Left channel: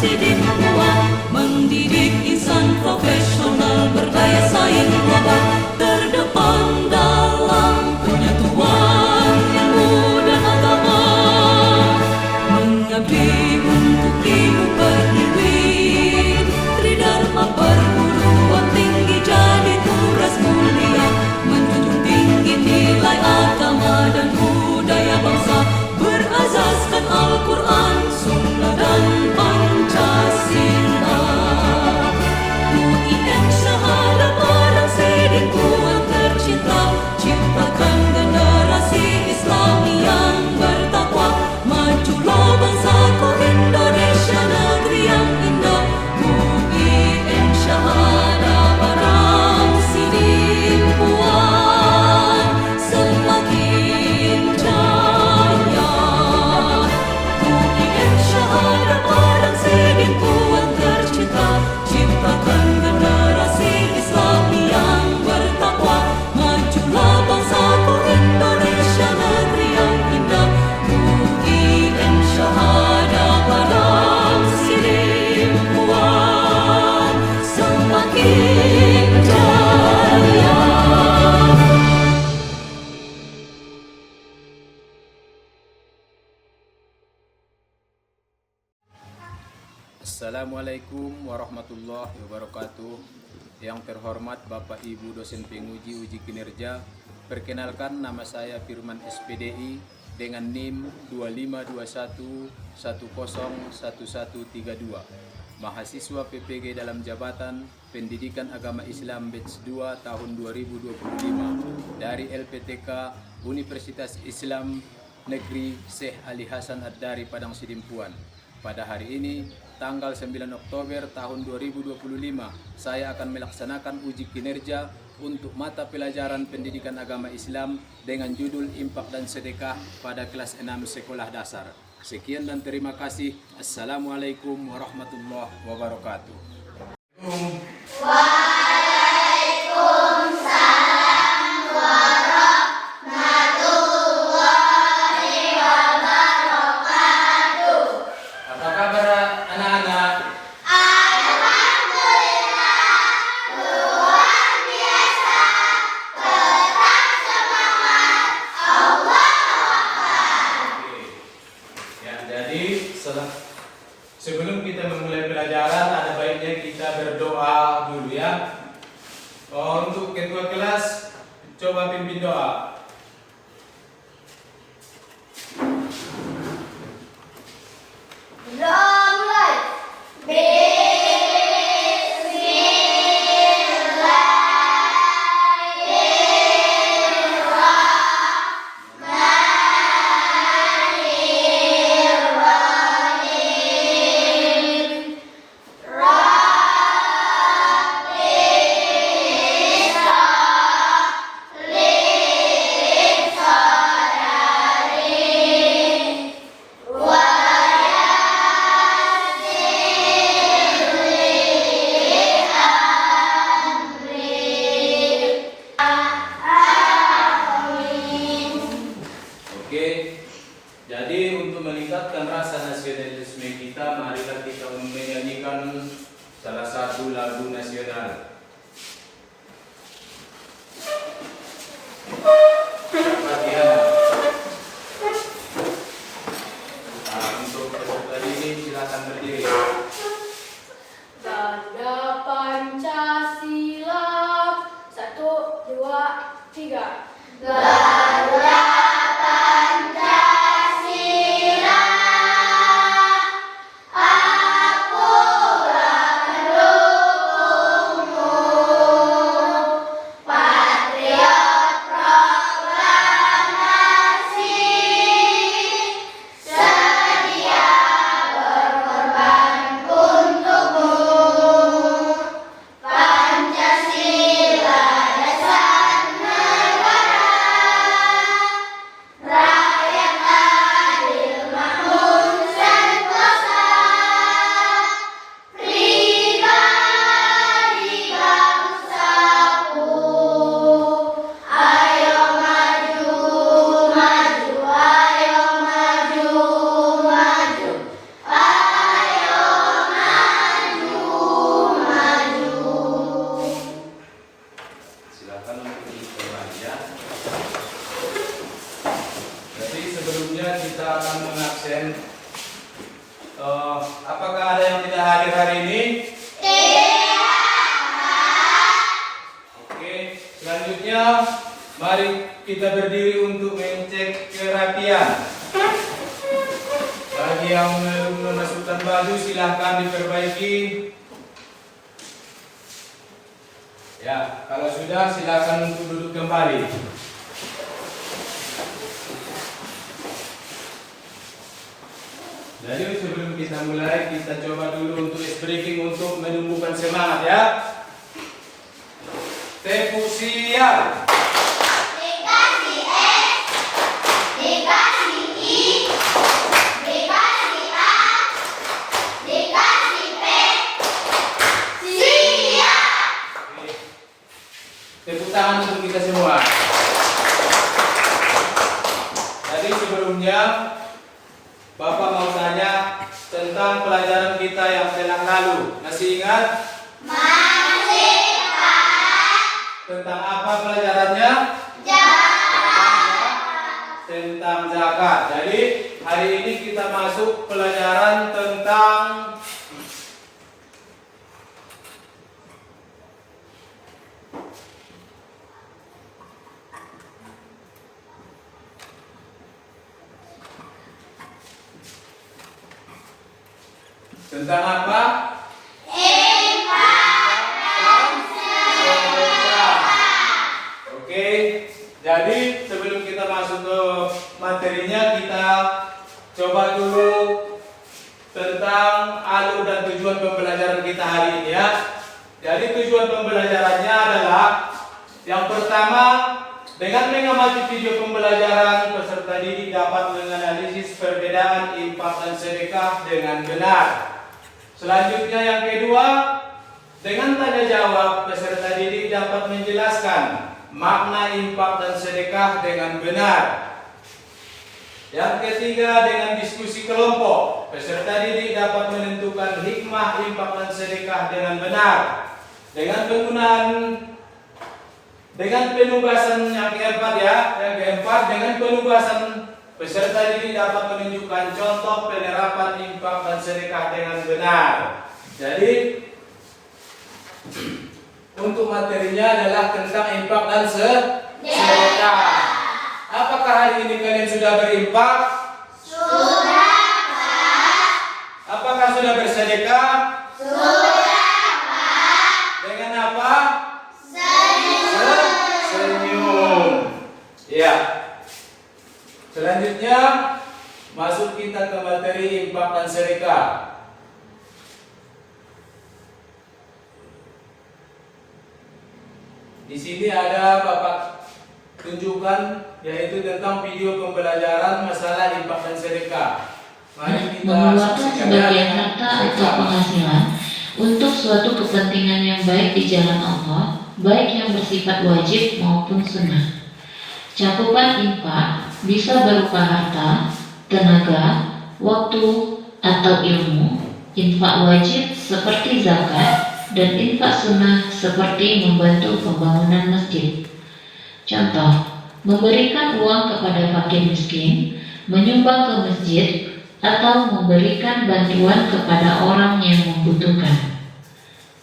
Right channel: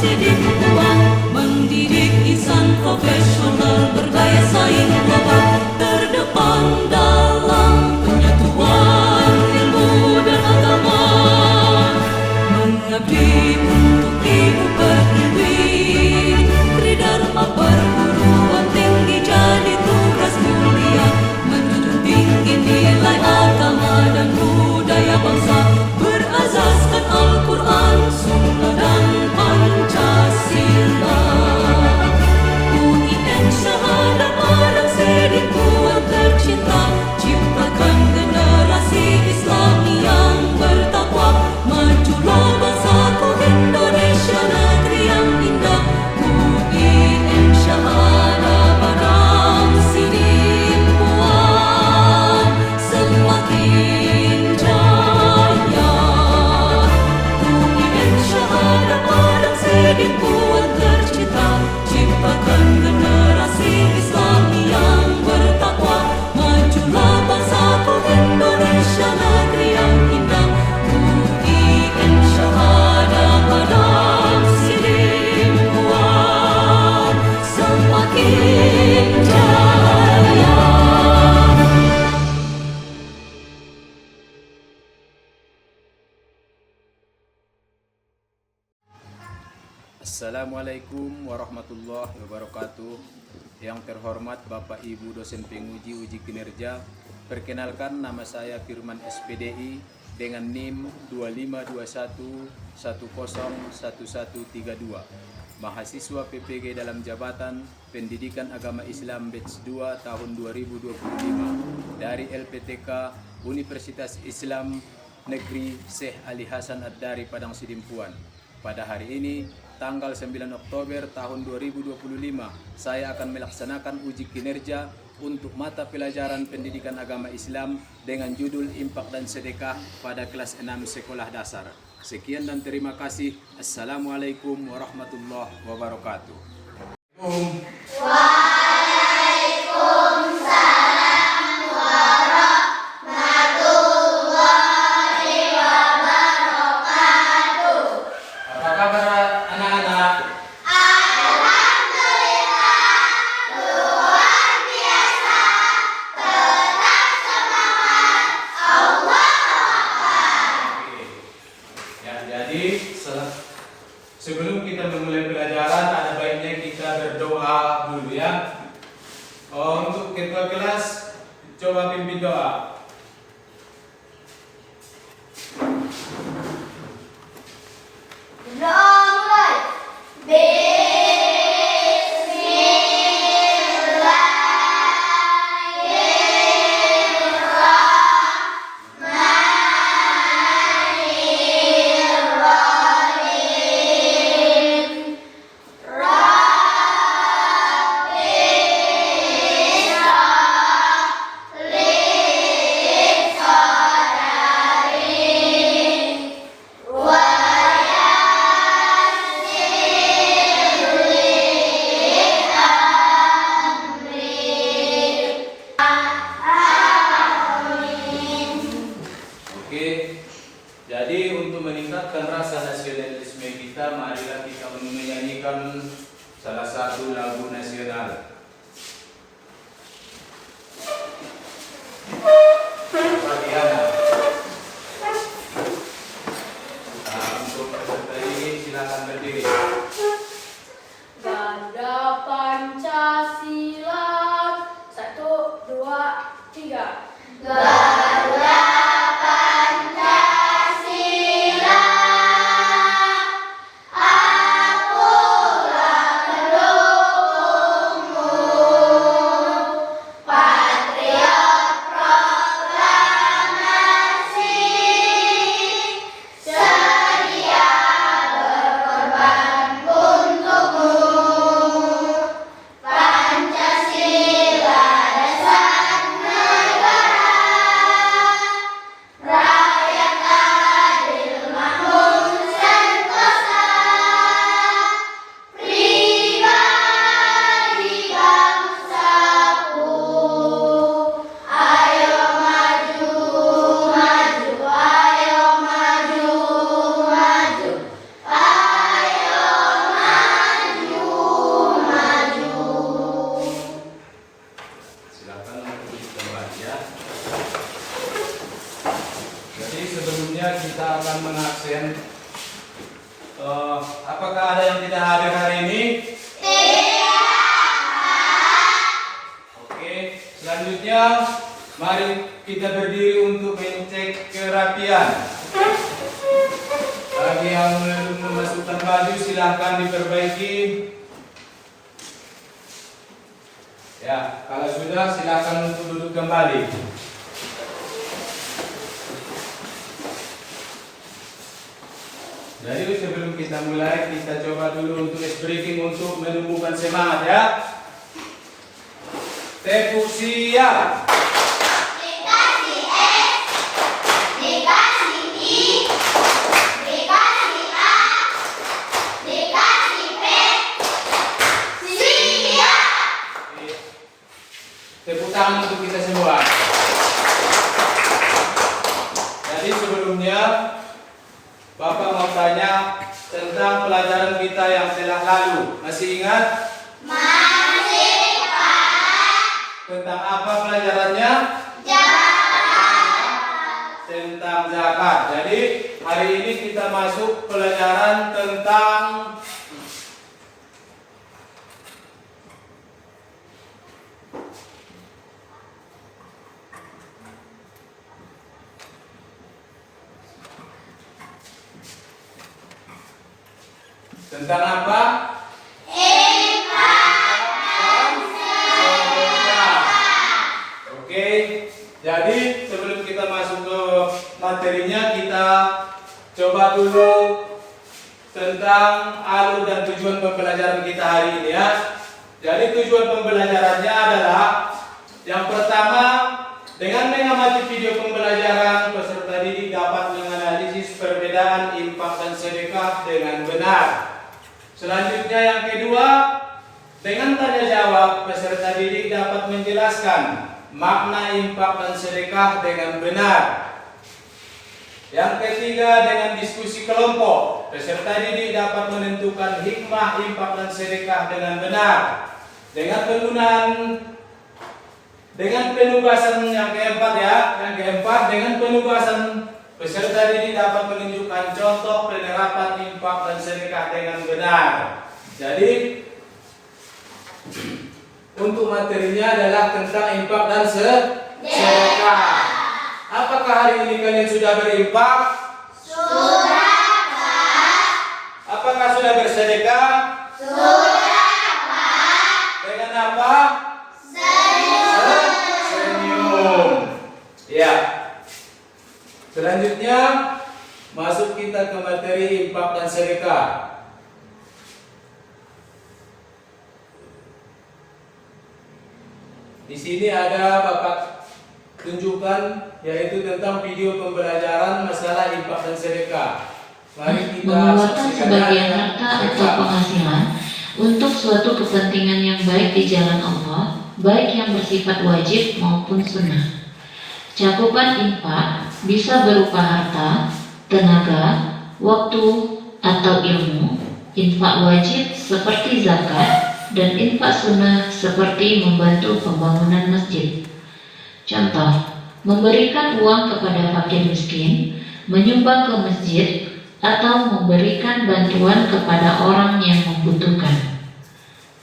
Sidimpuan, mendidik insan profesional berdaya saing global, terdepan dalam penyatuan ilmu dan agama, mengabdi untuk ibu pertiwi, tridharma perguruan tinggi jadi tugas mulia, menjunjung tinggi nilai agama dan budaya bangsa, berazaskan Al-Quran, Sunnah dan Pancasila. UIN syahada barang Sidimpuan tercinta, ciptakan generasi Islami yang bertakwa, majulah bangsaku Indonesia negeri yang indah. UIN syahada barang Sidimpuan semakin jaya. UIN syahada barang Sidimpuan tercinta, ciptakan generasi Islami yang bertakwa, majulah bangsaku Indonesia negeri yang indah. UIN syahada barang Sidimpuan semakin jaya. Assalamualaikum warahmatullahi wabarakatuh. Yang terhormat Bapak Ibu dosen penguji uji kinerja, perkenalkan nama saya Firman SPDI dengan NIM 2521101132, mahasiswa PPG dalam jabatan Pendidikan Agama Islam Batch 2 tahun 2025 dari LPTK Universitas Islam Negeri Syekh Ali Hasan Ad-Dari Padang Sidimpuan. Pada hari ini, tanggal 9 Oktober tahun 2025, saya akan melaksanakan uji kinerja untuk mata pelajaran Pendidikan Agama Islam dengan judul Infak dan Sedekah pada kelas 6 sekolah dasar. Sekian dan terima kasih. Assalamualaikum warahmatullahi wabarakatuh. Apa kabar anak-anak? Sebelum kita memulai pelajaran, ada baiknya kita berdoa dulu ya. Untuk ketua kelas, coba pimpin doa. Jadi untuk meningkatkan rasa nasionalisme kita, marilah kita menyanyikan salah satu lagu nasional. Untuk peserta ini silakan berdiri. Gada Pancasila, 1, 2, 3. Gada Pancasila, akulah pendukungmu, patriot proklamasi, sedia berkorban selanjutnya kita akan mengabsen. Apakah ada yang tidak hadir hari ini? Oke, selanjutnya mari kita berdiri untuk mencek kerapian. Bagi yang belum memasukkan baju silahkan diperbaiki. Ya, kalau sudah silahkan untuk duduk kembali. Jadi sebelum kita mulai, kita coba dulu untuk ice breaking untuk menumbuhkan semangat ya. Tepuk siap. Dikasih S, dikasih I, dikasih A, dikasih P, siap. Tepuk tangan untuk kita semua. Jadi sebelumnya Bapak mau tanya tentang pelajaran kita yang telah lalu. Masih ingat? Masih Pak. Tentang apa pelajarannya? Jalan. Tentang zakat. Jadi hari ini kita masuk pelajaran tentang apa? Infak dan sedekah. Oke, jadi sebelum kita masuk ke materinya, kita coba dulu tentang alur dan tujuan pembelajaran kita hari ini ya. Jadi tujuan pembelajarannya adalah yang pertama, dengan mengamati video pembelajaran, peserta didik dapat menganalisis perbedaan infak dan sedekah dengan benar. Selanjutnya yang kedua, dengan tanya jawab, peserta didik dapat menjelaskan makna infak dan sedekah dengan benar. Yang ketiga, dengan diskusi kelompok, peserta didik dapat menentukan hikmah infak dan sedekah dengan benar. Dengan penugasan yang keempat ya, dengan penugasan peserta didik dapat menunjukkan contoh penerapan infak dan sedekah dengan benar. Jadi untuk materinya adalah tentang infak dan sedekah. Apakah hari ini kalian sudah berinfak? Sudah Pak. Apakah sudah bersedekah? Sudah Pak. Dengan apa? Senyum. Senyum. Ya. Selanjutnya masuk kita ke materi infak dan sedekah. Di sini ada Bapak tunjukkan, yaitu tentang video pembelajaran masalah infak dan sedekah. Mari kita Mengeluarkan saksikan sebagian ya. harta atau penghasilan untuk suatu kepentingan yang baik di jalan Allah, baik yang bersifat wajib maupun sunnah. Cakupan infak bisa berupa harta, tenaga, waktu, atau ilmu. Infak wajib seperti zakat dan infak sunnah seperti membantu pembangunan masjid. Contoh, memberikan uang kepada fakir miskin, menyumbang ke masjid, atau memberikan bantuan kepada orang yang membutuhkan.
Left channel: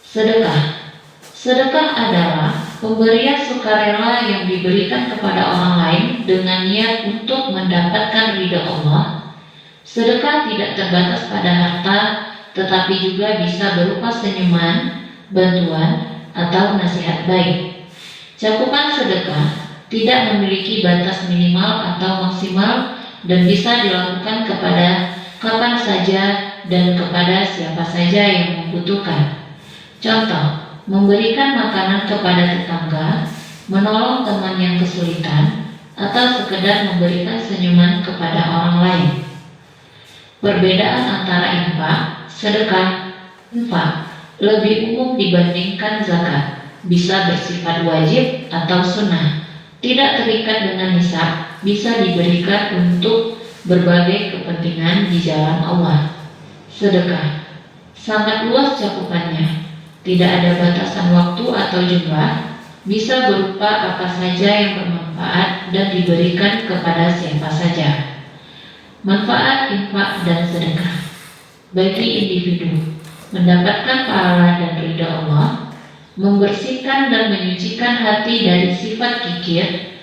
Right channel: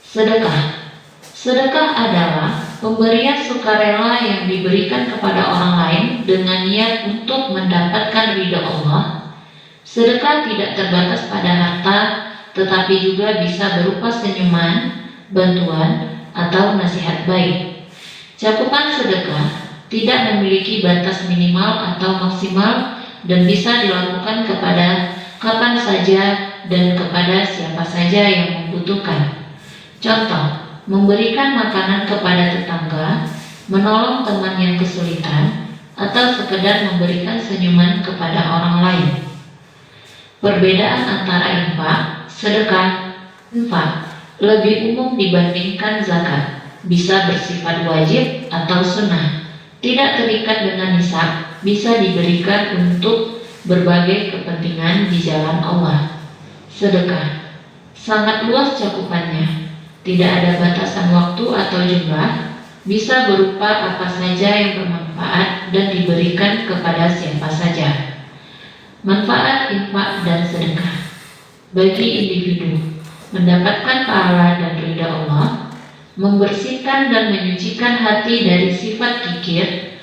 Sedekah. Sedekah adalah pemberian sukarela yang diberikan kepada orang lain dengan niat untuk mendapatkan ridha Allah. Sedekah tidak terbatas pada harta, tetapi juga bisa berupa senyuman, bantuan, atau nasihat baik. Cakupan sedekah tidak memiliki batas minimal atau maksimal dan bisa dilakukan kepada kapan saja dan kepada siapa saja yang membutuhkan. Contoh, memberikan makanan kepada tetangga, menolong teman yang kesulitan, atau sekedar memberikan senyuman kepada orang lain. Perbedaan antara infak, sedekah, infak lebih umum dibandingkan zakat, bisa bersifat wajib atau sunnah, tidak terikat dengan nisab, bisa diberikan untuk berbagai kepentingan di jalan Allah. Sedekah sangat luas cakupannya, tidak ada batasan waktu atau jumlah, bisa berupa apa saja yang bermanfaat dan diberikan kepada siapa saja. Manfaat infak dan sedekah bagi individu: mendapatkan pahala dan ridha Allah, membersihkan dan menyucikan hati dari sifat kikir,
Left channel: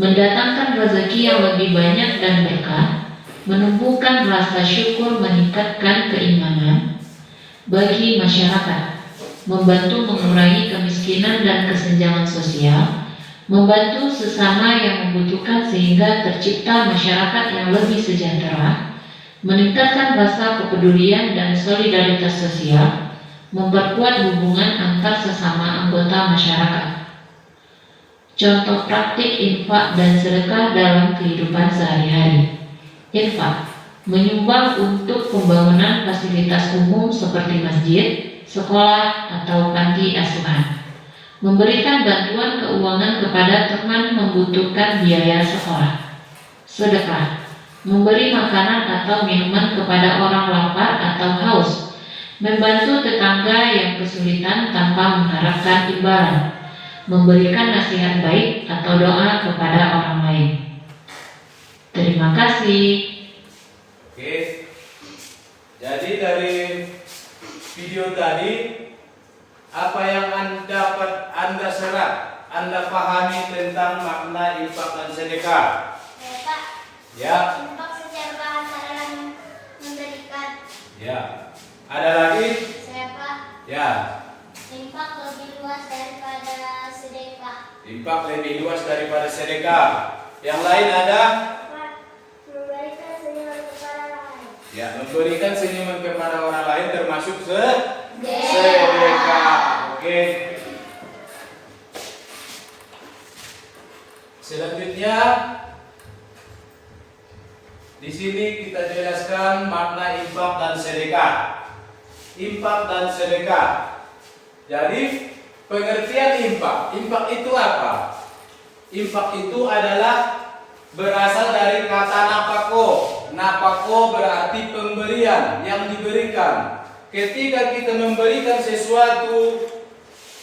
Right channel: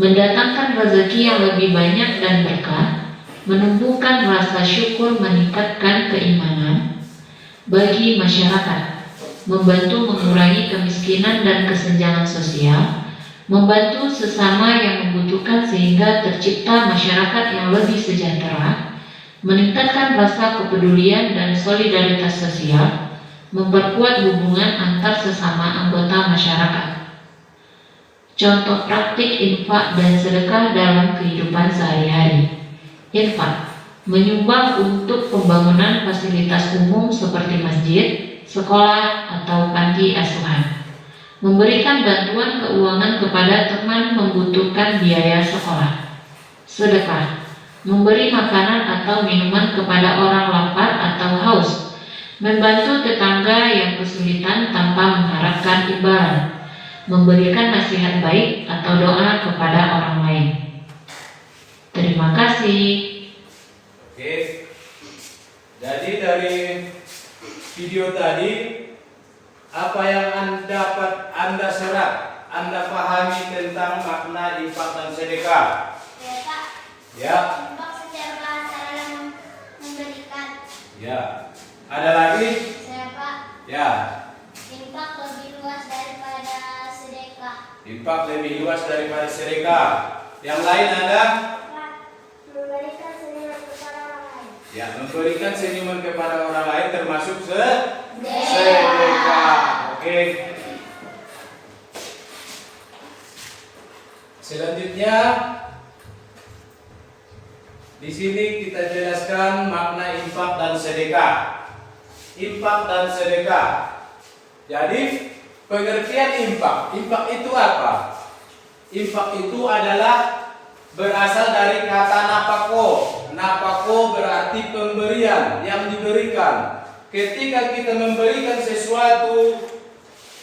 mendatangkan rezeki yang lebih banyak dan berkah, menumbuhkan rasa syukur, meningkatkan keimanan. Bagi masyarakat, membantu mengurangi kemiskinan dan kesenjangan sosial, membantu sesama yang membutuhkan sehingga tercipta masyarakat yang lebih sejahtera, meningkatkan rasa kepedulian dan solidaritas sosial, memperkuat hubungan antar sesama anggota masyarakat. Contoh praktik infak dan sedekah dalam kehidupan sehari-hari. Infak menyumbang untuk pembangunan fasilitas umum seperti masjid, sekolah, atau panti asuhan. Memberikan bantuan keuangan kepada teman membutuhkan biaya sekolah. Sedekah memberi makanan atau minuman kepada orang lapar atau haus. Membantu tetangga yang kesulitan tanpa mengharapkan imbalan. Memberikan nasihat baik atau doa kepada orang lain. Terima kasih. Oke, jadi dari video tadi, apa yang Anda serap, Anda pahami tentang makna infak dan sedekah? Ya, Pak. Ya. Infak secara bahasa dalam memberikan. Ya. Ada lagi? Saya, Pak. Ya. Infak lebih luas daripada sedekah. Infak lebih luas daripada sedekah. Yang lain ada? Pak, memberikan senyuman kepada orang lain. Ya, memberikan senyuman kepada orang lain termasuk Sedekah. sedekah. Oke. Selanjutnya di sini kita jelaskan makna infak dan sedekah. Infak dan sedekah. Jadi pengertian infak. Infak itu apa? Infak itu adalah berasal dari kata napako. Napako berarti pemberian yang diberikan. Ketika kita memberikan sesuatu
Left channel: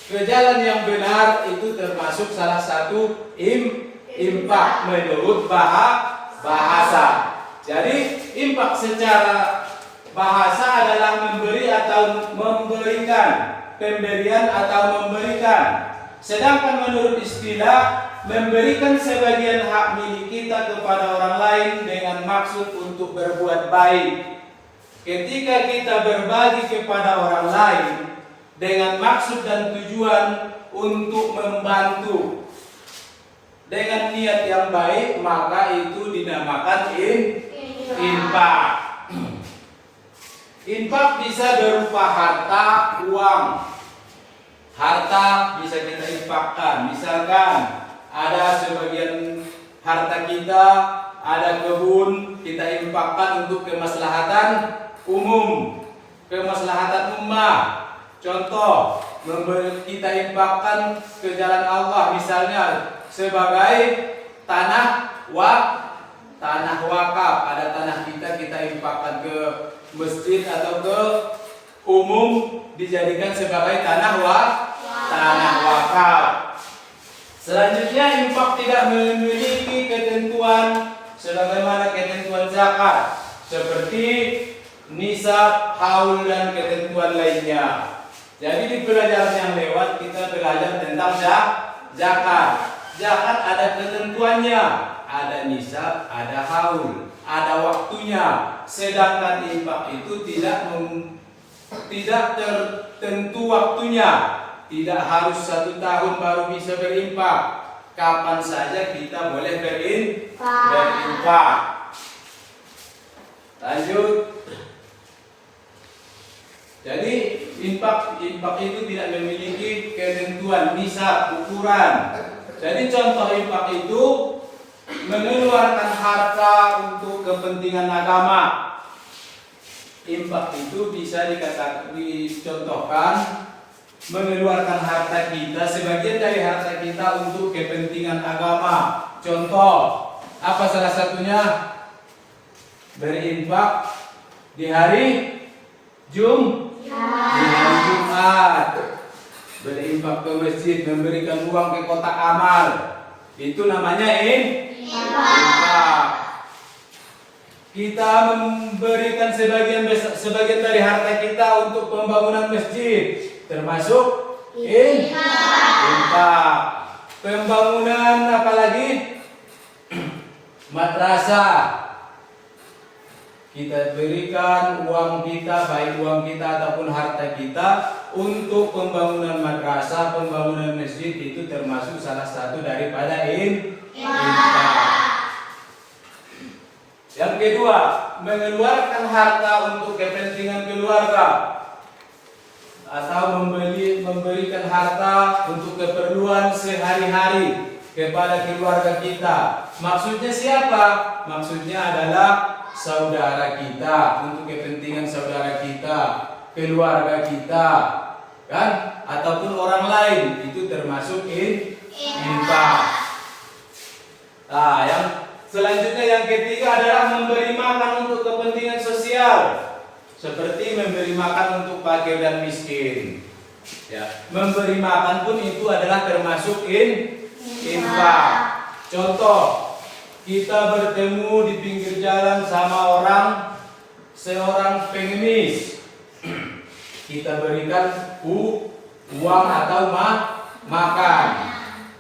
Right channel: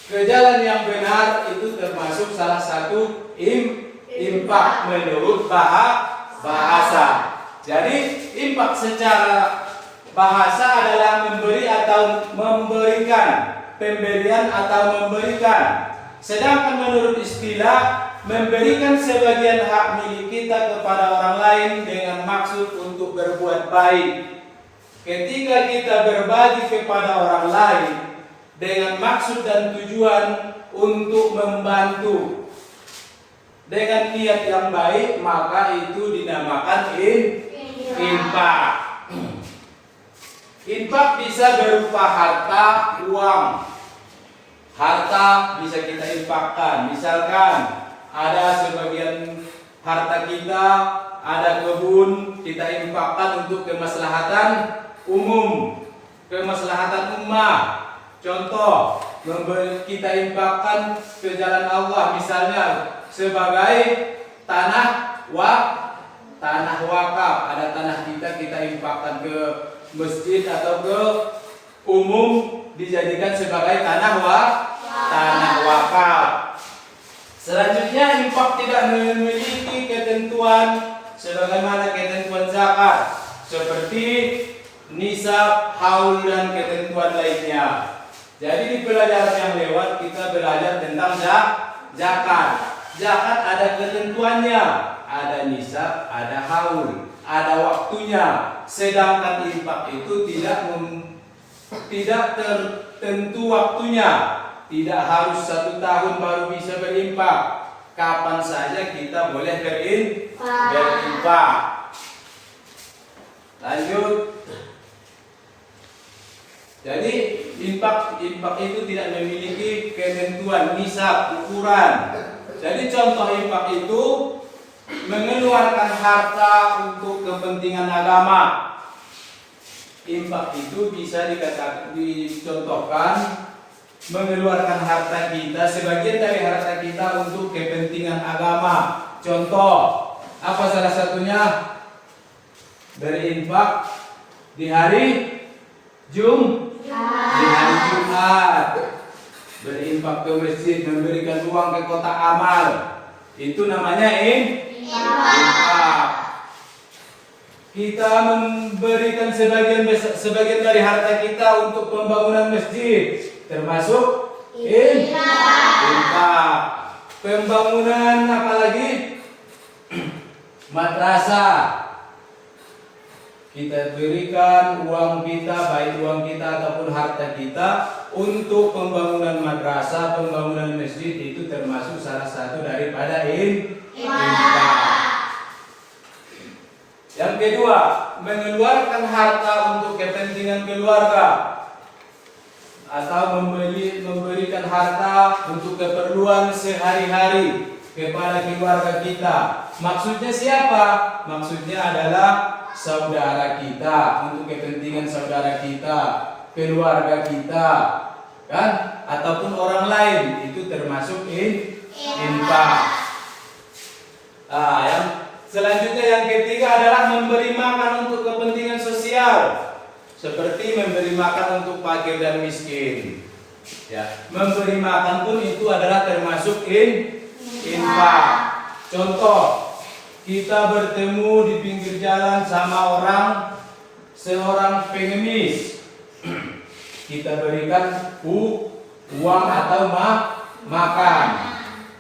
ke jalan yang benar, itu termasuk salah satu infak menurut bahasa. Jadi infak secara bahasa adalah memberi atau memberikan, pemberian atau memberikan. Sedangkan menurut istilah, memberikan sebagian hak milik kita kepada orang lain dengan maksud untuk berbuat baik. Ketika kita berbagi kepada orang lain dengan maksud dan tujuan untuk membantu dengan niat yang baik, maka itu dinamakan infak. Infak bisa berupa harta, uang. Harta bisa kita infakkan. Misalkan ada sebagian harta kita, ada kebun, kita infakkan untuk kemaslahatan umum, kemaslahatan ummah. Contoh, kita infakkan ke jalan Allah, misalnya sebagai tanah wakaf. Ada tanah kita infakkan ke masjid atau ke umum, dijadikan sebagai tanah wakaf. Selanjutnya, infak tidak memiliki ketentuan sebagaimana ketentuan zakat, seperti nisab, haul, dan ketentuan lainnya. Jadi di pelajaran yang lewat kita belajar tentang zakat. Zakat ada ketentuannya, ada nisab, ada haul, ada waktunya. Sedangkan infak itu tidak tertentu waktunya. Tidak harus 1 tahun baru bisa berinfak. Kapan saja kita boleh berinfak. Lanjut. Jadi infak itu tidak memiliki ketentuan, nisab, ukuran. Jadi contoh infak itu mengeluarkan harta untuk kepentingan agama. Infak itu bisa dicontohkan mengeluarkan harta kita, sebagian dari harta kita untuk kepentingan agama. Contoh, apa salah satunya? Berinfak di hari Jumat. Berinfak ke masjid, memberikan uang ke kotak amal. Itu namanya infak. kita memberikan sebagian dari harta kita untuk pembangunan masjid, termasuk infak. Pembangunan apalagi? Madrasah. Kita berikan uang kita, baik uang kita ataupun harta kita untuk pembangunan madrasah, pembangunan masjid, itu termasuk salah satu daripada infak. Yang kedua, mengeluarkan harta untuk kepentingan keluarga atau memberikan harta untuk keperluan sehari-hari kepada keluarga kita. Maksudnya siapa? Maksudnya adalah saudara kita, untuk kepentingan saudara kita, keluarga kita, kan? Ataupun orang lain, itu termasuk infak. Yang selanjutnya yang ketiga adalah memberi makan untuk kepentingan sosial, seperti memberi makan untuk fakir dan miskin. Ya, memberi makan pun itu adalah termasuk infak. Contoh, kita bertemu di pinggir jalan sama seorang pengemis, kita berikan uang atau makan.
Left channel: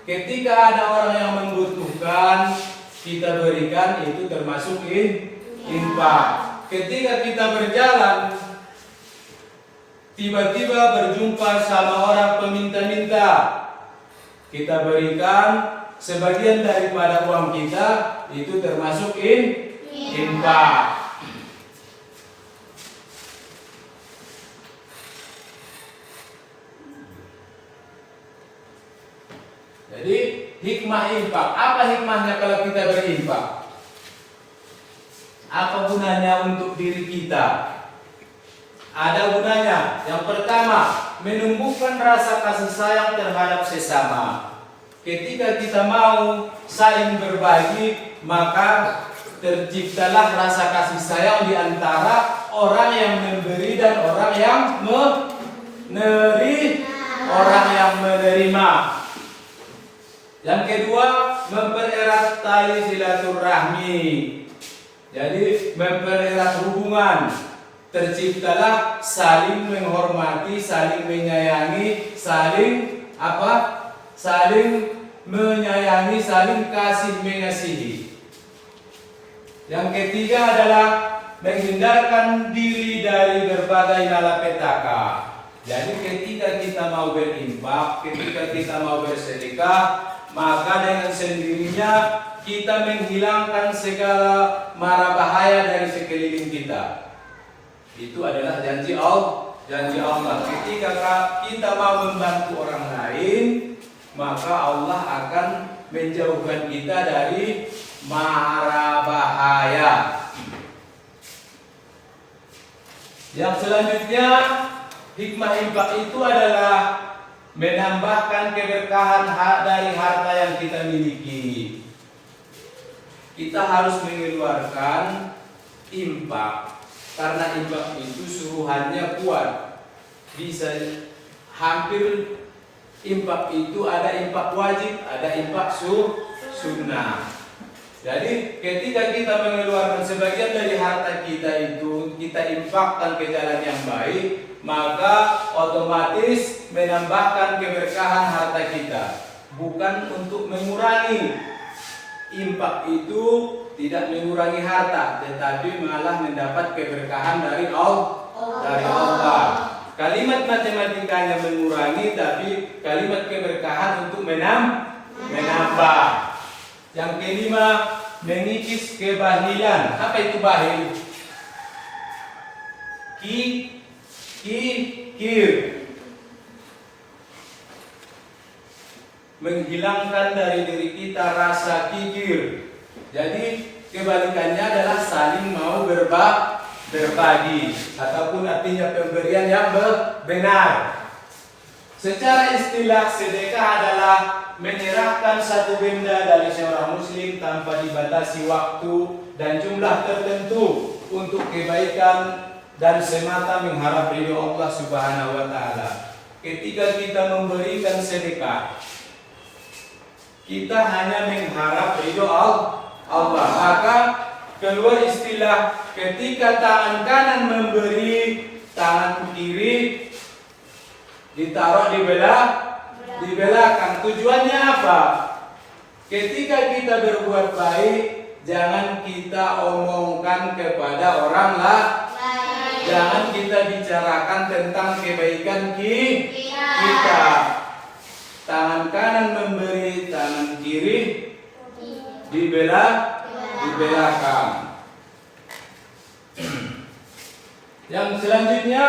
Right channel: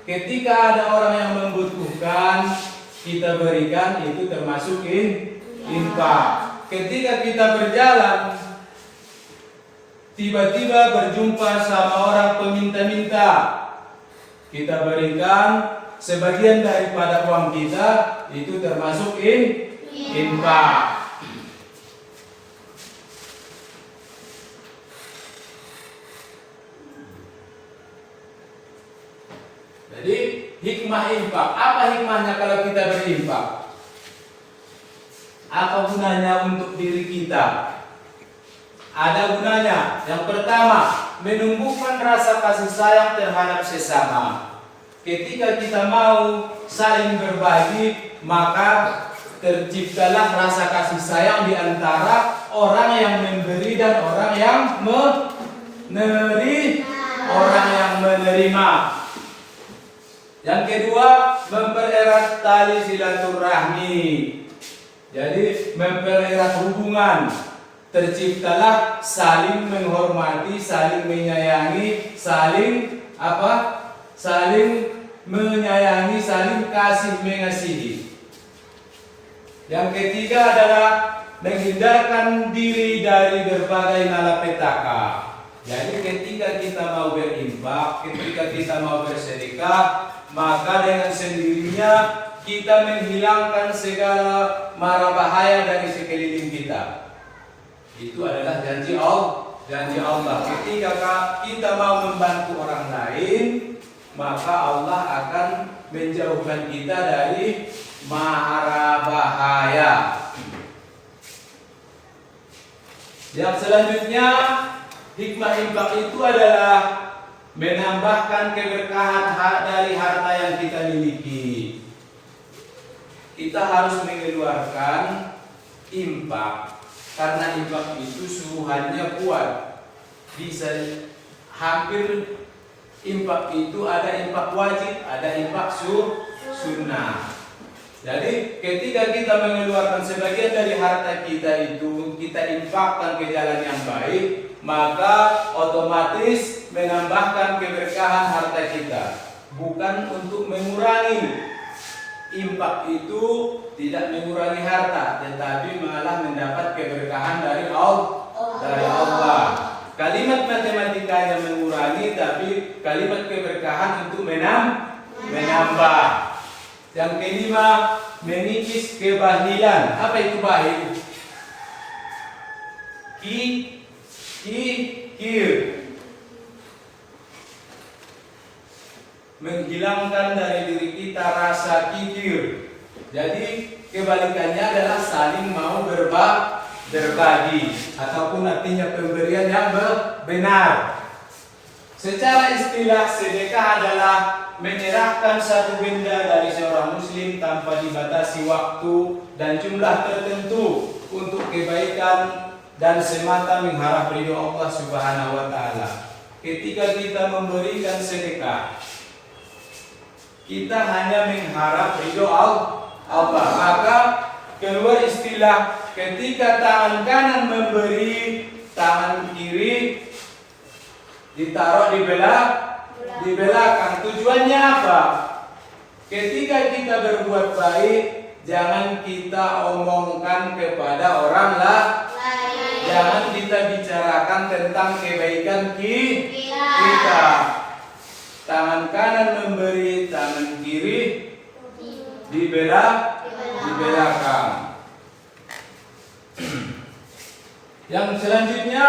Ketika ada orang yang membutuhkan, kita berikan, itu termasuk infak. Ketika kita berjalan, tiba-tiba berjumpa sama orang peminta-minta, kita berikan sebagian daripada uang kita, itu termasuk infak. Jadi hikmah infak, apa hikmahnya kalau kita berinfak? Apa gunanya untuk diri kita? Ada gunanya. Yang pertama, menumbuhkan rasa kasih sayang terhadap sesama. Ketika kita mau saling berbagi, maka terciptalah rasa kasih sayang di antara orang yang memberi dan orang yang menerima. Yang kedua, mempererat tali silaturahmi. Jadi mempererat hubungan. Terciptalah saling menghormati, saling menyayangi, saling menyayangi, saling kasih mengasihi. Yang ketiga adalah menghindarkan diri dari berbagai malapetaka. Jadi ketika kita mau berinfak, ketika kita mau bersedekah, maka dengan sendirinya kita menghilangkan segala mara bahaya dari sekeliling kita. Itu adalah janji Allah. Ketika kita mau membantu orang lain, maka Allah akan menjauhkan kita dari mara bahaya. Yang selanjutnya, hikmah infak itu adalah menambahkan keberkahan dari harta yang kita miliki. Kita harus mengeluarkan infak, karena infak itu suruhannya kuat. Bisa hampir infak itu ada infak wajib, ada infak sunnah. Jadi ketika kita mengeluarkan sebagian dari harta kita itu, kita infakkan ke jalan yang baik, maka otomatis menambahkan keberkahan harta kita, bukan untuk mengurangi. Infak itu tidak mengurangi harta, tetapi malah mendapat keberkahan dari Allah. Kalimat matematikanya mengurangi, tapi kalimat keberkahan untuk menambah. Yang kelima, mengikis kebahilan. Apa itu bahil? Kikir. Menghilangkan dari diri kita rasa kikir. Jadi kebalikannya adalah saling mau berbagi, ataupun artinya pemberian yang benar. Secara istilah, sedekah adalah menyerahkan satu benda dari seorang muslim tanpa dibatasi waktu dan jumlah tertentu untuk kebaikan dan semata mengharap ridho Allah Subhanahu wa taala. Ketika kita memberikan sedekah, kita hanya mengharap ridho Allah. Maka keluar istilah ketika tangan kanan memberi, tangan kiri ditaruh di belakang. Tujuannya apa? Ketika kita berbuat baik, jangan kita omongkan kepada orang lain. Jangan kita bicarakan tentang kebaikan kita. Tangan kanan memberi, tangan kiri di belakang. Yang selanjutnya,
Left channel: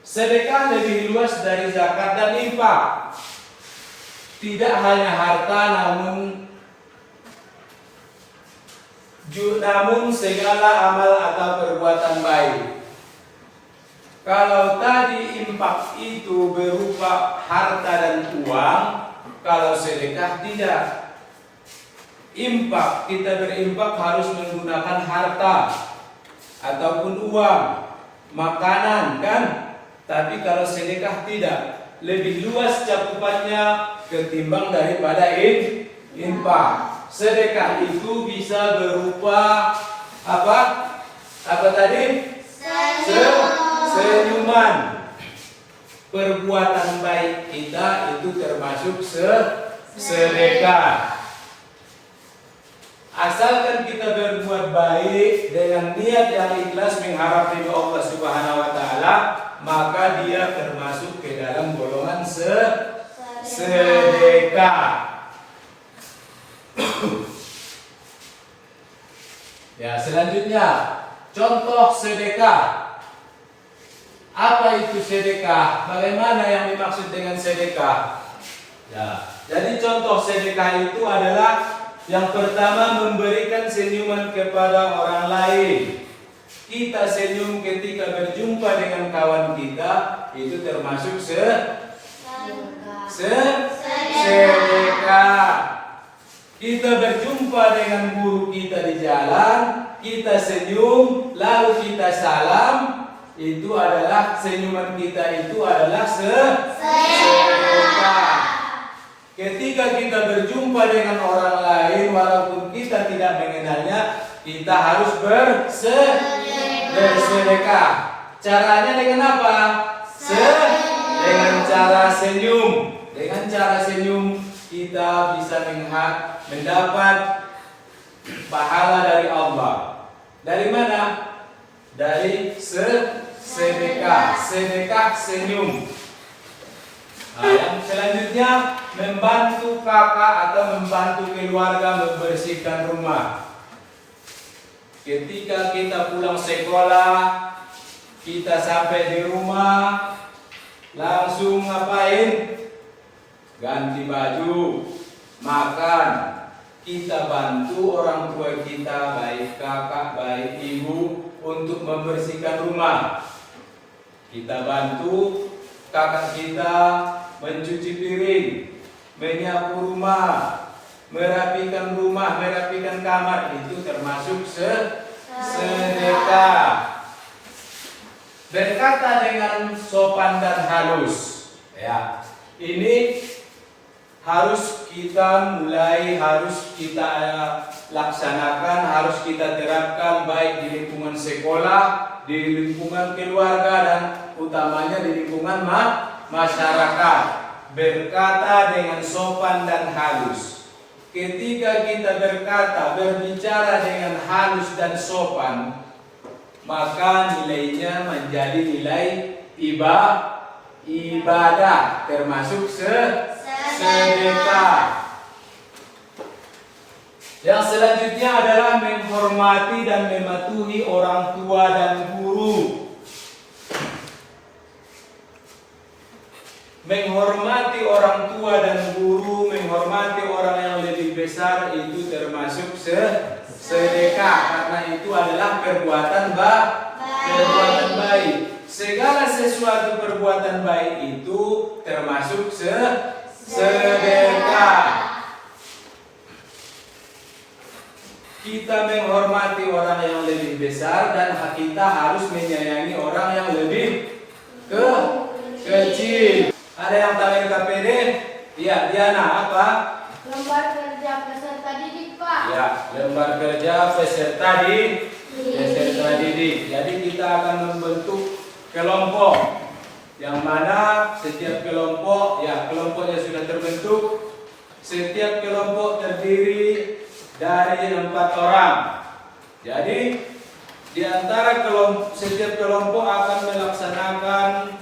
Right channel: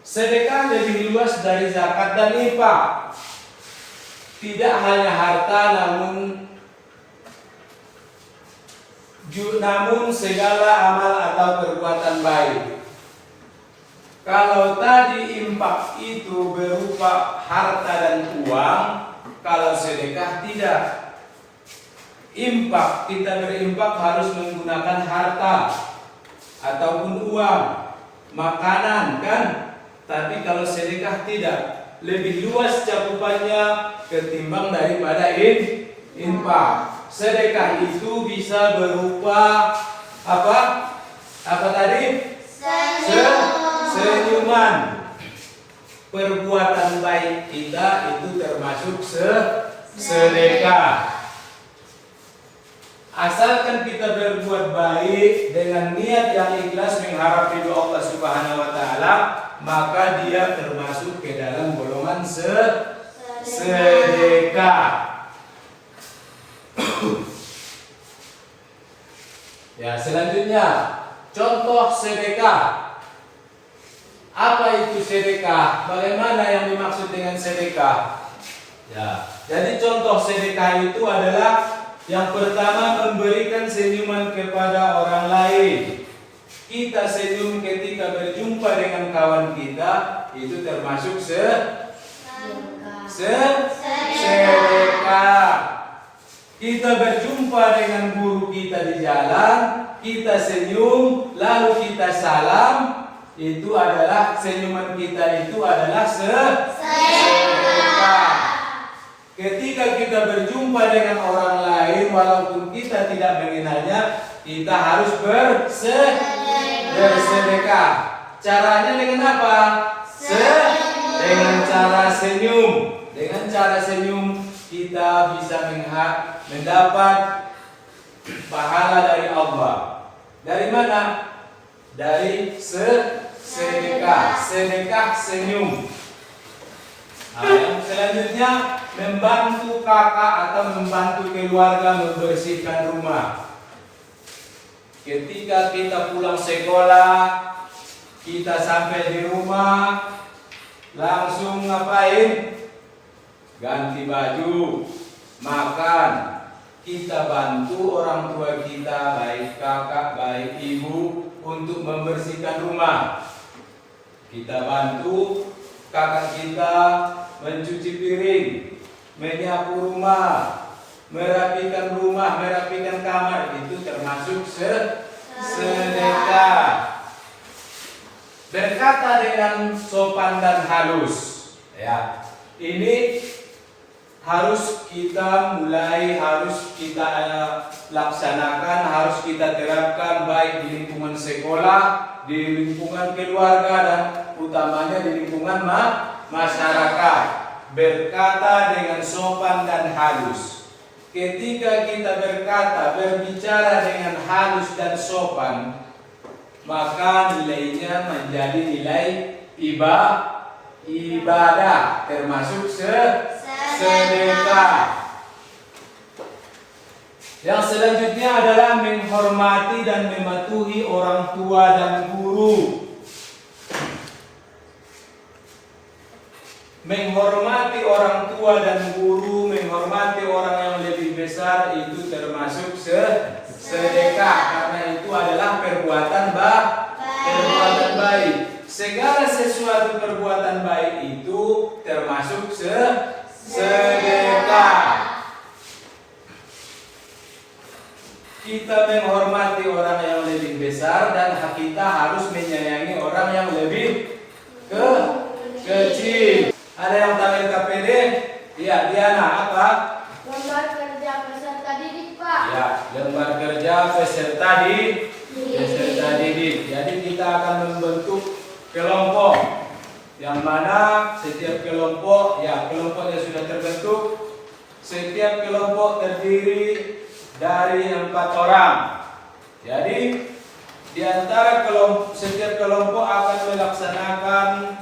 sedekah lebih luas dari zakat dan infak. Tidak hanya harta, namun segala amal atau perbuatan baik. Kalau tadi infak itu berupa harta dan uang, kalau sedekah tidak. Infak, kita berinfak harus menggunakan harta ataupun uang, makanan kan? Tapi kalau sedekah tidak, lebih luas cakupannya ketimbang daripada infak. Sedekah itu bisa berupa apa? Apa tadi? Senyuman. Perbuatan baik kita itu termasuk sedekah. Asalkan kita berbuat baik dengan niat yang ikhlas mengharap ridho Allah Subhanahu wa taala, maka dia termasuk ke dalam golongan sedekah. Ya, selanjutnya contoh sedekah. Apa itu sedekah? Bagaimana yang dimaksud dengan sedekah? Ya, jadi contoh sedekah itu adalah yang pertama, memberikan senyuman kepada orang lain. Kita senyum ketika berjumpa dengan kawan kita, itu termasuk sedekah. Kita berjumpa dengan guru kita di jalan, kita senyum, lalu kita salam, itu adalah senyuman kita itu adalah sedekah. Ketika kita berjumpa dengan orang lain, walaupun kita tidak mengenalnya, kita harus bersedekah. Caranya dengan apa? Dengan cara senyum. Dengan cara senyum kita bisa mendapat pahala dari Allah. Dari mana? Dari sedekah. Sedekah senyum. Nah, yang selanjutnya, membantu kakak atau membantu keluarga membersihkan rumah. Ketika kita pulang sekolah, kita sampai di rumah, langsung ngapain? Ganti baju, makan. Kita bantu orang tua kita, baik kakak, baik ibu, untuk membersihkan rumah. Kita bantu kakak kita mencuci piring, menyapu rumah, merapikan kamar, itu termasuk sedekah. Berkata dengan sopan dan halus. Ya, ini harus kita laksanakan, harus kita terapkan baik di lingkungan sekolah, di lingkungan keluarga, dan utamanya di lingkungan masyarakat. Berkata dengan sopan dan halus. Ketika kita berbicara dengan halus dan sopan, maka nilainya menjadi nilai ibadah, termasuk sedekah. Yang selanjutnya adalah menghormati dan mematuhi orang tua dan guru. Menghormati orang tua dan guru, menghormati orang yang lebih besar, itu termasuk sedekah, karena itu adalah perbuatan baik. Segala sesuatu perbuatan baik itu termasuk sedekah. Kita menghormati orang yang lebih besar, dan kita harus menyayangi orang yang lebih kecil. Ada yang tahu LKPD? Ya, Diana apa? Lembar kerja peserta didik, Pak. Ya, lembar kerja peserta didik. Jadi kita akan membentuk kelompok yang mana setiap kelompok, ya kelompoknya sudah terbentuk. Setiap kelompok terdiri dari 4 orang. Jadi di antara setiap kelompok akan melaksanakan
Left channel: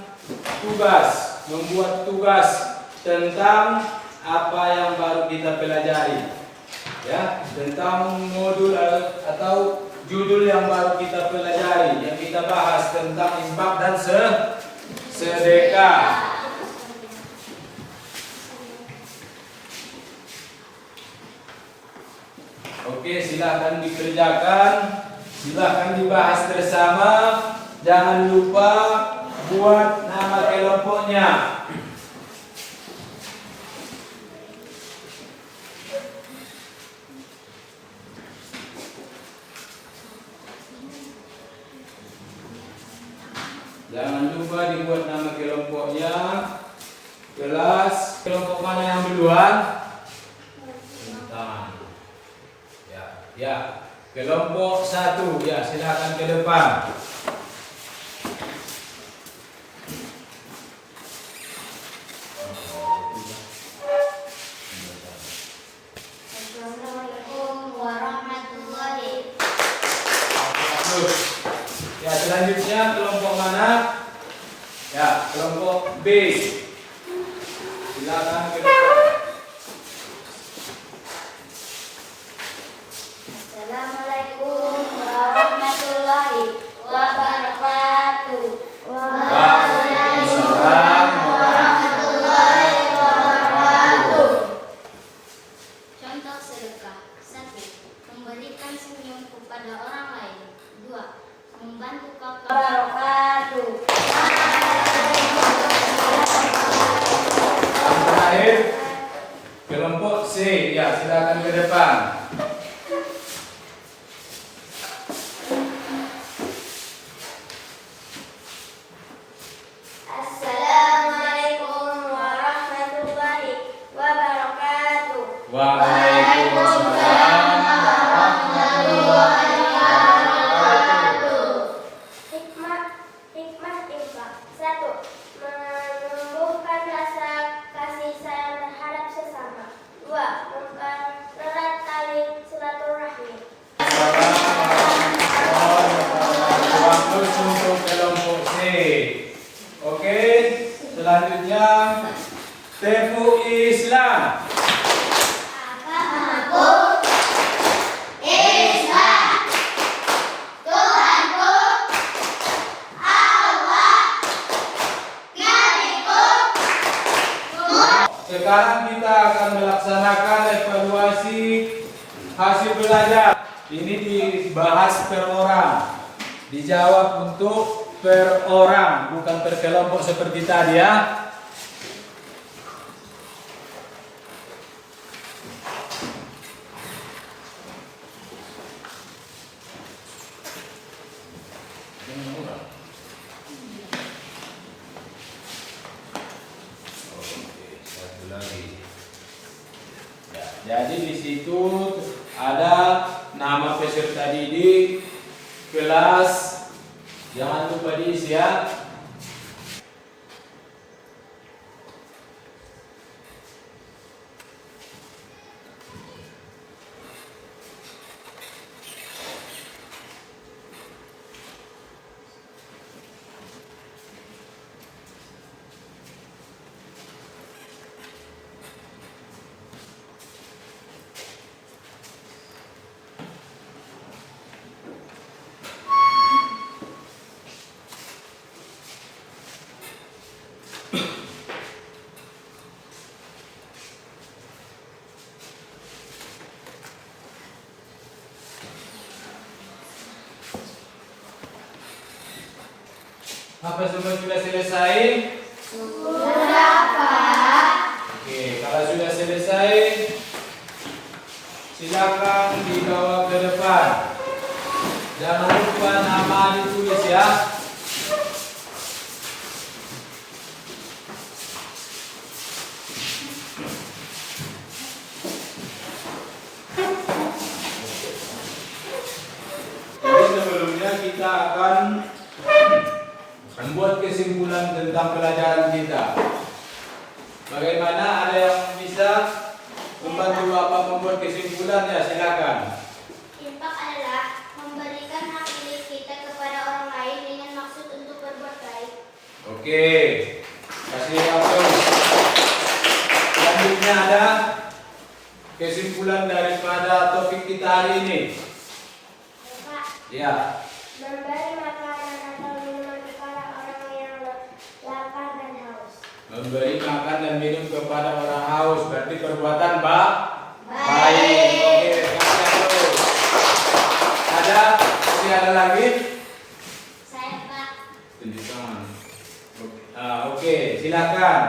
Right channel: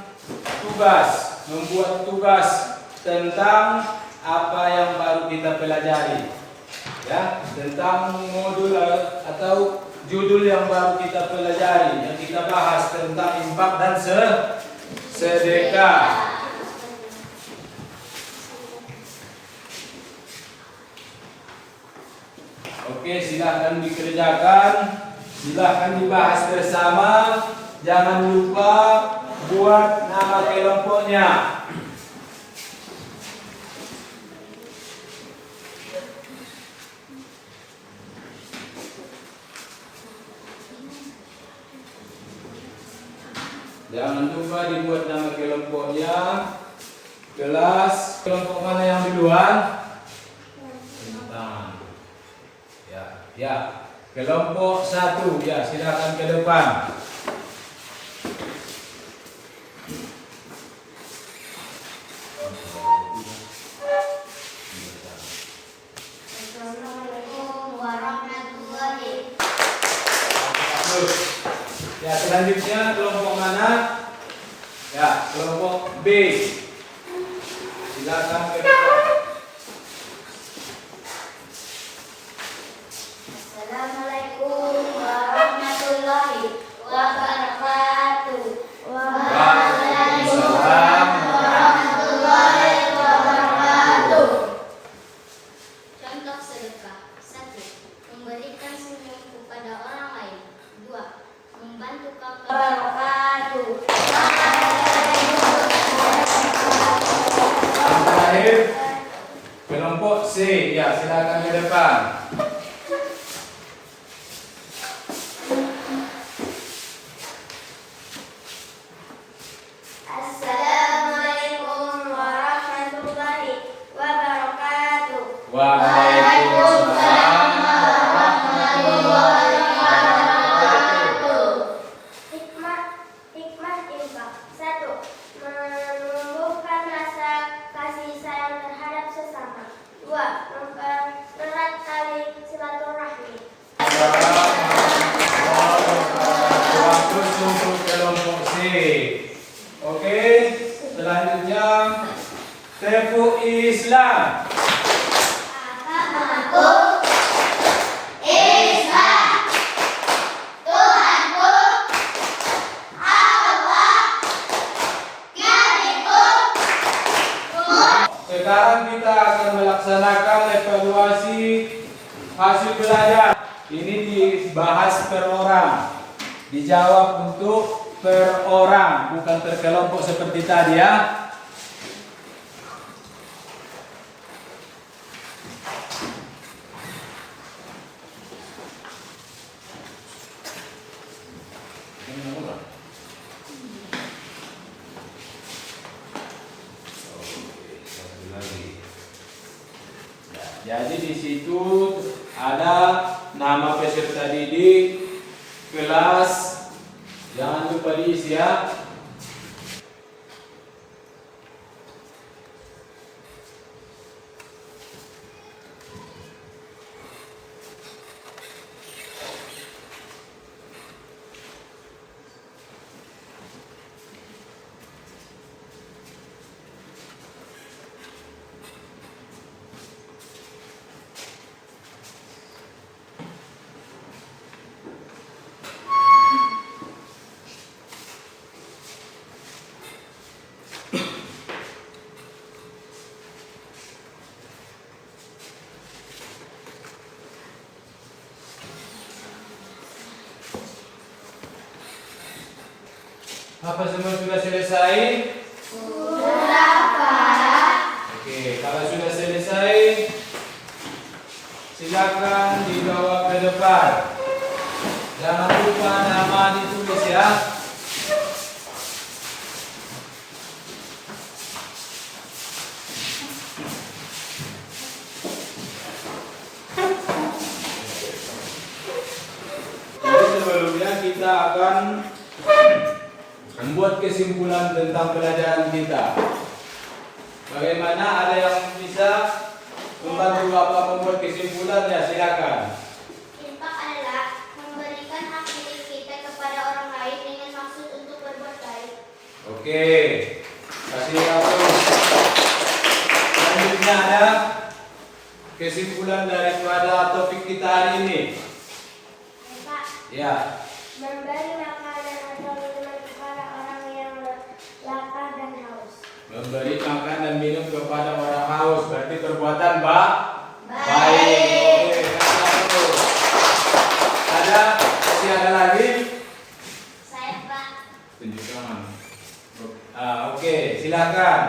tugas, membuat tugas tentang apa yang baru kita pelajari, ya, tentang modul atau judul yang baru kita pelajari, yang kita bahas tentang infak dan sedekah. Oke, silahkan dikerjakan, silahkan dibahas bersama. Jangan lupa buat nama kelompoknya. Jangan lupa dibuat nama kelompoknya. Kelas kelompok mana yang duluan? Ya, kelompok 1, ya silakan ke depan. Assalamualaikum warahmatullahi. Ya, selanjutnya kelompok mana? Ya, kelompok B. Silakan ke depan. Assalamualaikum warahmatullahi wabarakatuh. Waalaikumsalam warahmatullahi wabarakatuh. Contoh sedekah. 1. Memberikan senyum kepada orang lain. 2. Membantu kakak. Wabarakatuh. Yang terakhir kelompok C. Ya, silakan ke depan. Assalamualaikum warahmatullahi wabarakatuh. Waalaikumsalam warahmatullahi wabarakatuh. Hikmah infak. 1. Menumbuhkan rasa kasih sayang terhadap sesama. 2. Mempererat tali silaturahmi. Waktu untuk kelompok C. Oke, selanjutnya Tefu Islam. Sekarang kita akan melaksanakan evaluasi hasil belajar. Ini dibahas per orang. Dijawab untuk per orang, bukan per kelompok seperti tadi ya. Jadi di situ ada nama peserta didik, kelas, jangan lupa diisi ya. Apa semua sudah selesai? Sudah, Pak. Oke, kalau sudah selesai, silakan dibawa ke depan. Jangan lupa nama ditulis ya. akan membuat kesimpulan tentang pelajaran kita. Bagaimana, ada yang bisa membantu Bapak membuat kesimpulannya? Silakan. Infak adalah memberikan hak milik kita kepada orang lain dengan maksud untuk berbuat baik. Oke, kasih aplaus. Selanjutnya ada kesimpulan daripada topik kita hari ini. Pak, Ya, memberi makanan atau minuman kepada orang yang lapar dan haus. memberi makan dan minum kepada orang haus berarti perbuatan baik. Baik. Oke, kasih aplaus. Masih ada lagi? Saya Pak. Tunjukkan. Oke, silakan.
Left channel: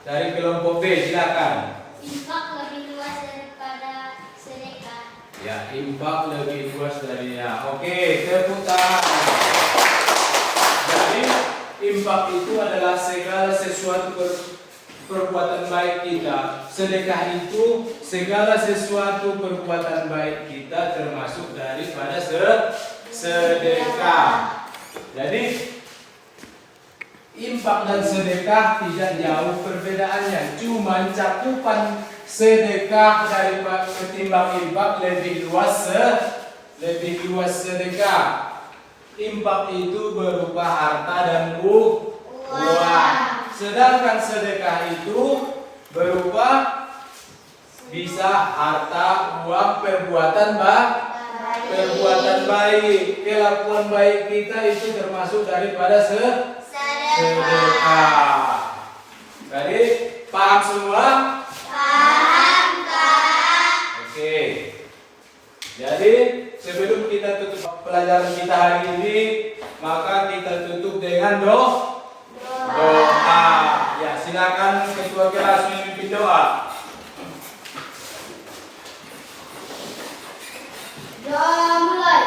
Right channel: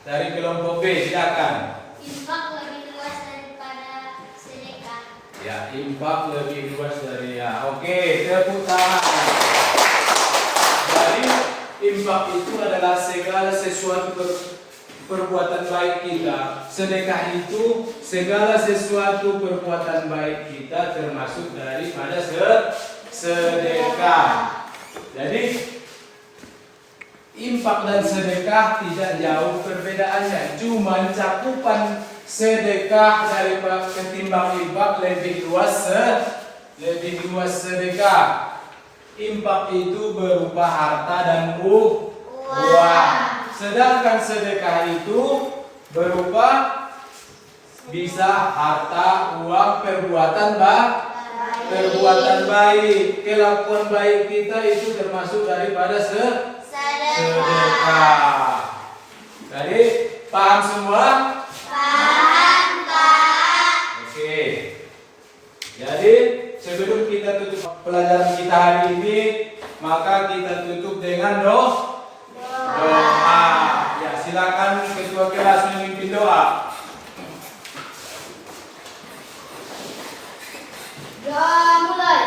Dari kelompok B, silakan. Infak lebih luas daripada sedekah. Ya, infak lebih luas dari ya. Oke, tepuk tangan. Jadi, infak itu adalah segala sesuatu perbuatan baik kita. Sedekah itu segala sesuatu perbuatan baik kita, termasuk daripada sedekah. Jadi, infak dan sedekah tidak jauh perbedaannya. Cuma cakupan sedekah daripada ketimbang infak lebih luas sedekah. Infak itu berupa harta dan uang. Sedangkan sedekah itu berupa bisa harta, uang, perbuatan baik. Kelakuan baik kita itu termasuk daripada sedekah. Jadi paham semua? Paham, Pak. Oke. Jadi sebelum kita tutup pelajaran kita hari ini, maka kita tutup dengan doa. Ya, silakan ketua kelas memimpin doa. Doa mulai.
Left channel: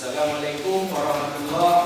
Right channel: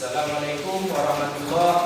Assalamualaikum warahmatullahi